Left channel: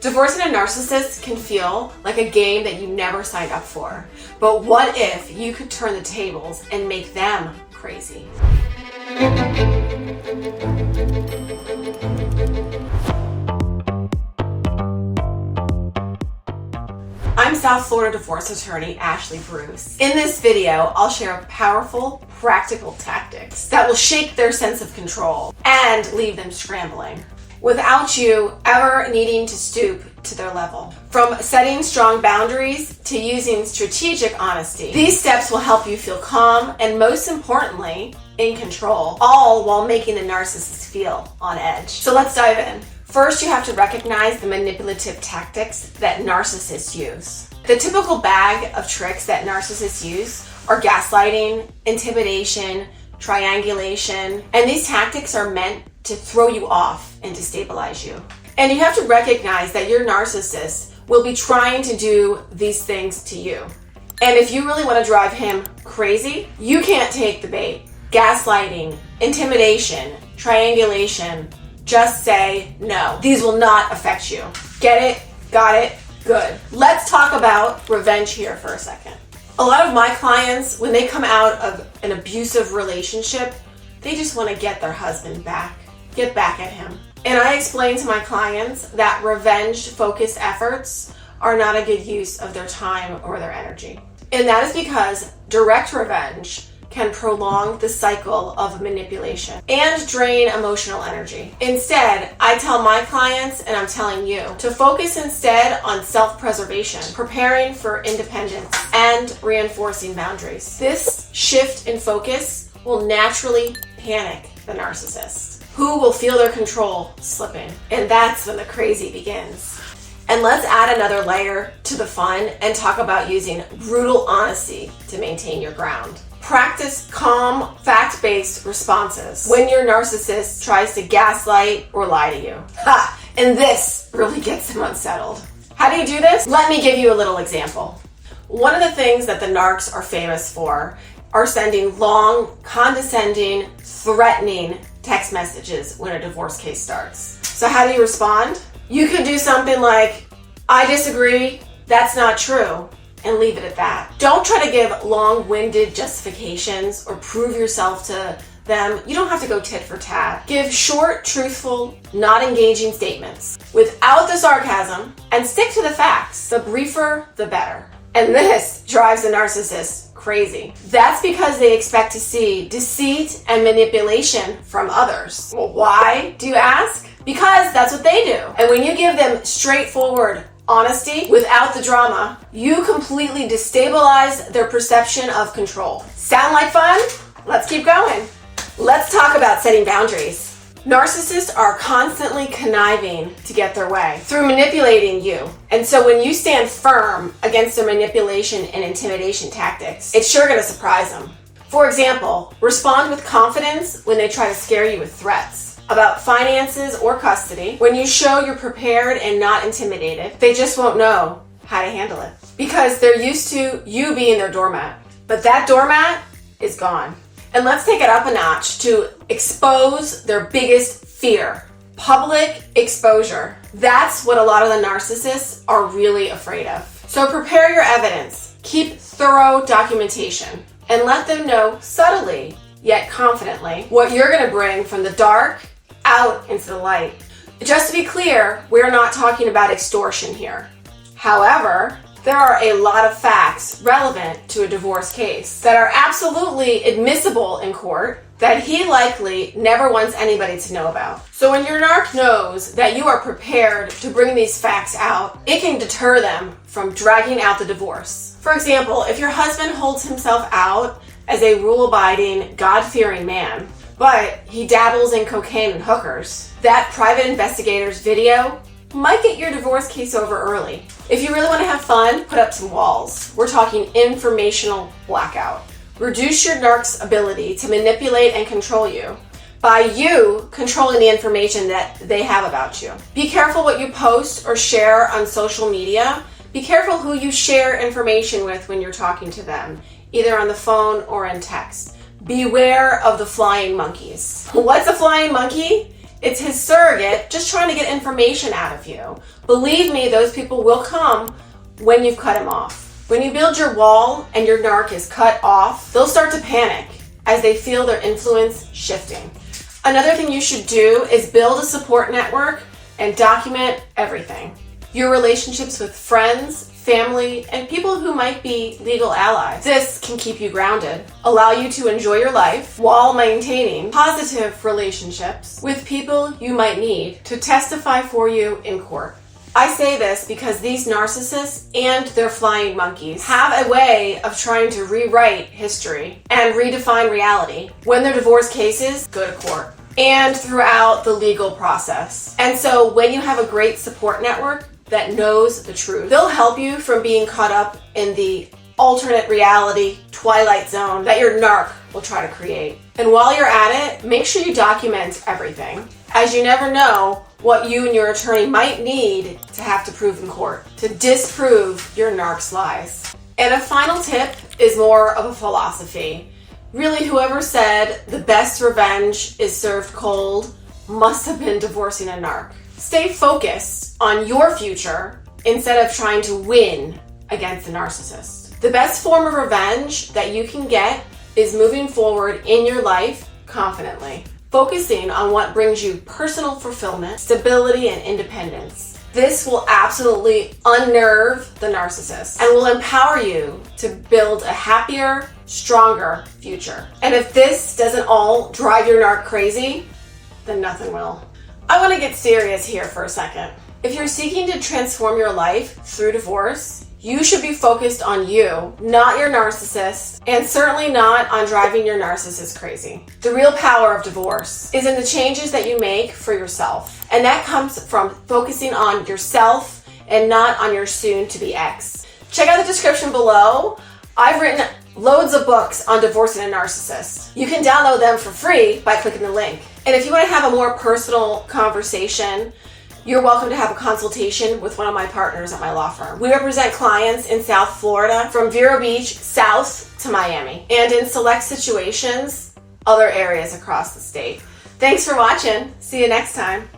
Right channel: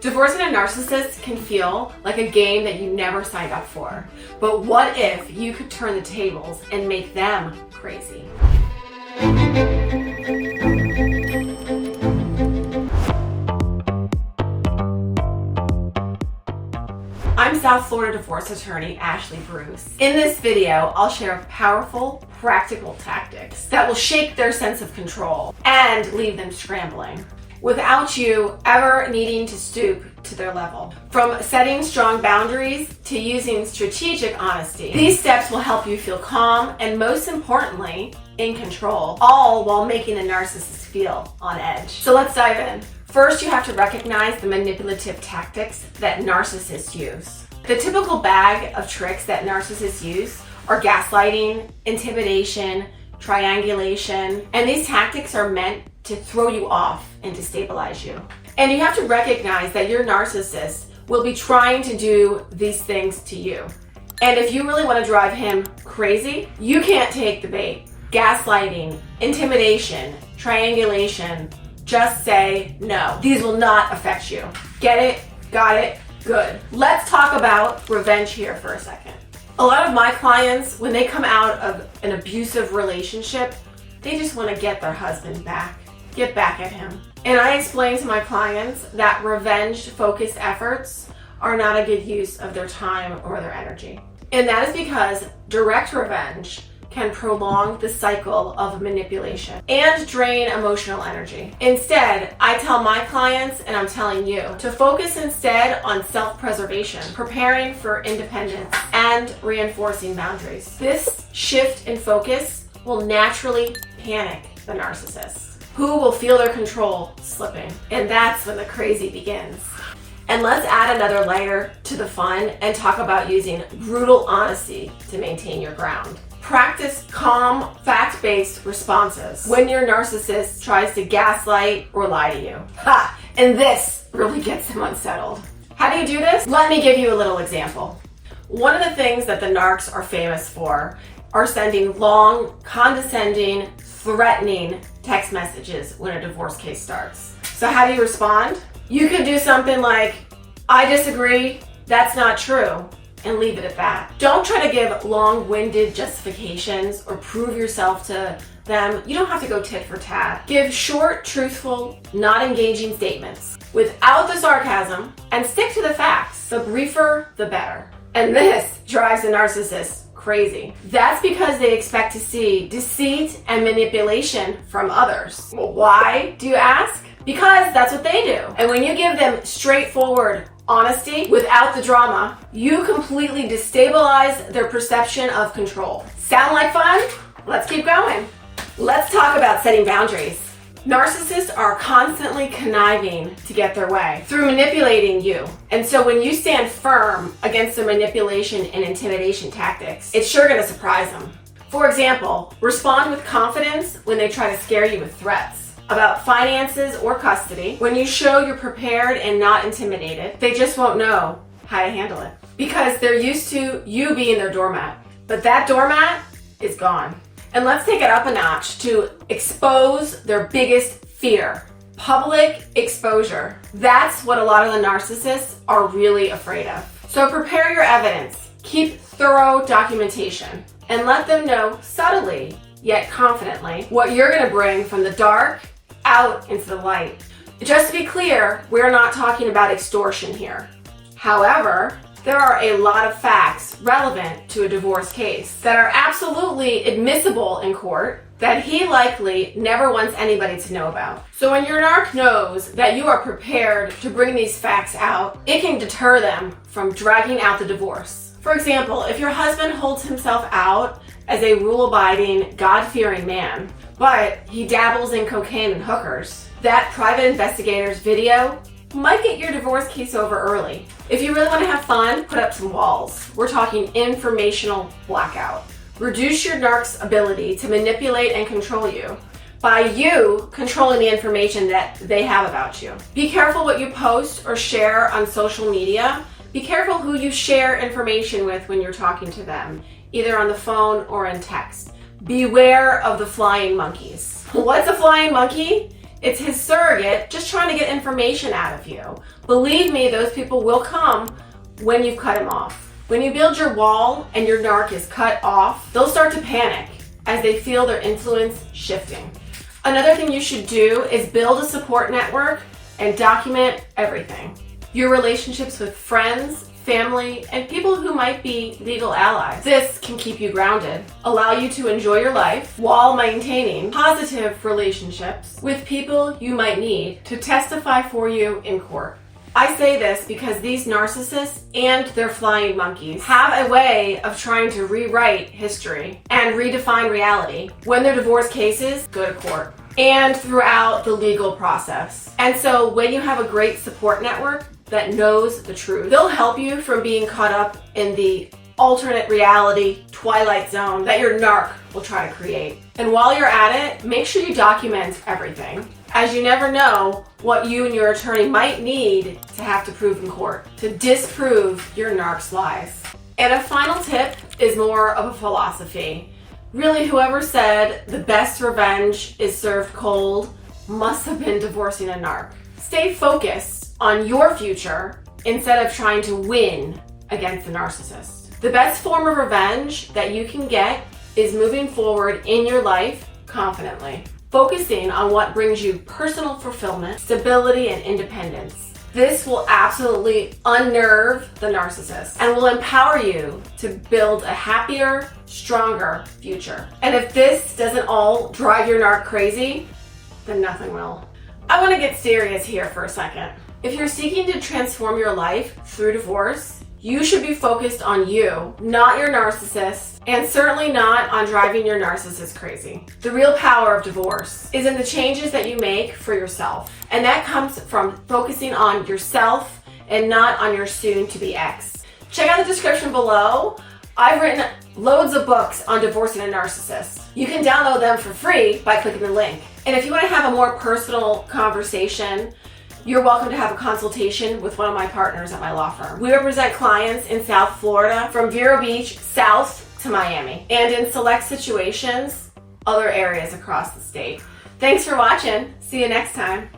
Divorcing a narcissist can feel like a game that you never signed up for. But what if you could turn the tables and make them crazy? I'm South Florida divorce attorney Ashley Bruce. In this video, I'll share powerful, practical tactics that will shake their sense of control and leave them scrambling, without you ever needing to stoop to their level. From setting strong boundaries to using strategic honesty, these steps will help you feel calm and, most importantly, in control, all while making the narcissist feel on edge. So let's dive in. First, you have to recognize the manipulative tactics that narcissists use. The typical bag of tricks that narcissists use are gaslighting, intimidation, triangulation, and these tactics are meant to throw you off and destabilize you. And you have to recognize that your narcissist will be trying to do these things to you. And if you really want to drive him crazy, you can't take the bait. Gaslighting, intimidation, triangulation, just say no. These will not affect you. Get it? Got it? Good. Let's talk about revenge here for a second. A lot of my clients, when they come out of an abusive relationship, they just want to get their husband back, get back at him. And I explain to my clients that revenge-focused efforts are not a good use of their time or their energy. And that is because direct revenge can prolong the cycle of manipulation and drain emotional energy. Instead, I tell my clients, and I'm telling you, to focus instead on self-preservation, preparing for independence, and reinforcing boundaries. This shift in focus will naturally panic the narcissist, who will feel their control slipping. And that's when the crazy begins. And let's add another layer to the fun and talk about using brutal honesty to maintain your ground. Practice calm, fact-based responses when your narcissist tries to gaslight or lie to you. Ha! And this really gets them unsettled. How do you do this? Let me give you a little example. One of the things that the narcs are famous for are sending long, condescending, threatening text messages when a divorce case starts. So how do you respond? You could do something like, "I disagree, that's not true," and leave it at that. Don't try to give long-winded justifications or prove yourself to them. You don't have to go tit for tat. Give short, truthful, not engaging statements without the sarcasm and stick to the facts. The briefer, the better. And this drives the narcissist crazy. That's because they expect to see deceit and manipulation from others. Well, why, do you ask? Because that's what they do. And when you give them straightforward honesty without the drama, you completely destabilize their perception of control. Sound like fun? Let's keep going. Let's talk about setting boundaries. Narcissists are constantly conniving to get their way through manipulating you. And so when you stand firm against their manipulation and intimidation tactics, it's sure going to surprise them. For example, respond with confidence when they try to scare you with threats about finances or custody. When you show you're prepared and not intimidated, they just won't know how to handle it because they're used to you being their doormat. But that doormat is gone. And let's take it up a notch to expose their biggest fear. Public exposure. That's what a lot of the narcissists are really afraid of. So prepare your evidence. Keep thorough documentation and let them know subtly yet confidently what you're going to bring from the dark out into the light. Just to be clear, we're not talking about extortion here. However, there are a lot of facts relevant to a divorce case that are absolutely admissible in court that he likely never wants anybody to know about. So when your narc knows that you are prepared to bring these facts out, it can deter them from dragging out the divorce. For example, if your husband holds himself out as a rule-abiding, God-fearing man, but he dabbles in cocaine and hookers, that private investigator's video might get your divorce case over early. If you really want to have fun, put up some walls. We're talking informational blackout. Reduce your narc's ability to manipulate and control you by you controlling the information that they have about you. Be careful what you post or share on social media. Be careful who you share information with when you're talking to them, either on the phone or in text. Beware of the flying monkeys. What's a flying monkey? It's his surrogate just trying to get information out of you. Believe me, those people will come when you've cut him off. When you build your wall and your narc is cut off, they'll start to panic as they feel their influence shifting. Another thing you should do is build a support network and document everything. Your relationships with friends, family, and people who might be legal allies. This can keep you grounded, allow you to enjoy your life while maintaining positive relationships with people you might need to testify for you in court. I say this because these narcissists and their flying monkeys have a way of trying to rewrite history and redefine reality when their divorce cases go to court and throughout the legal process. And so when you have a great support network that knows the truth, they'll help you from being caught up in the alternate reality twilight zone that your narc will try to create. And while you're at it, make sure you document everything, as you never know what you and your attorney might need to have to prove in court to disprove your narc's lies. And a final tip is more of a philosophy. Really, whoever said the best revenge is served cold must have been divorcing a narc. Stay focused on your future instead of trying to win against the narcissist. The best form of revenge that you can get is moving forward in your life confidently, focusing on what brings you personal fulfillment, stability, and independence. This will absolutely unnerve the narcissist and will empower you to build a happier, stronger future. And if this doesn't all drive your narc crazy, then nothing will. I want to get serious here for a second. If you're seeking to transform your life through divorce, you should be focused on you, not your narcissist, and certainly not on driving your narcissist crazy. The real power of divorce is in the changes that you make for yourself. And that comes from focusing on yourself and not on your soon-to-be ex. Check out the description below. I've written loads of books on divorcing a narcissist. You can download them for free by clicking the link. And if you want to have a more personal conversation, you're welcome to have a consultation with one of my partners at my law firm. We represent clients in South Florida, from Vero Beach south to Miami, and in select situations, other areas across the state. Thanks for watching. See you next time.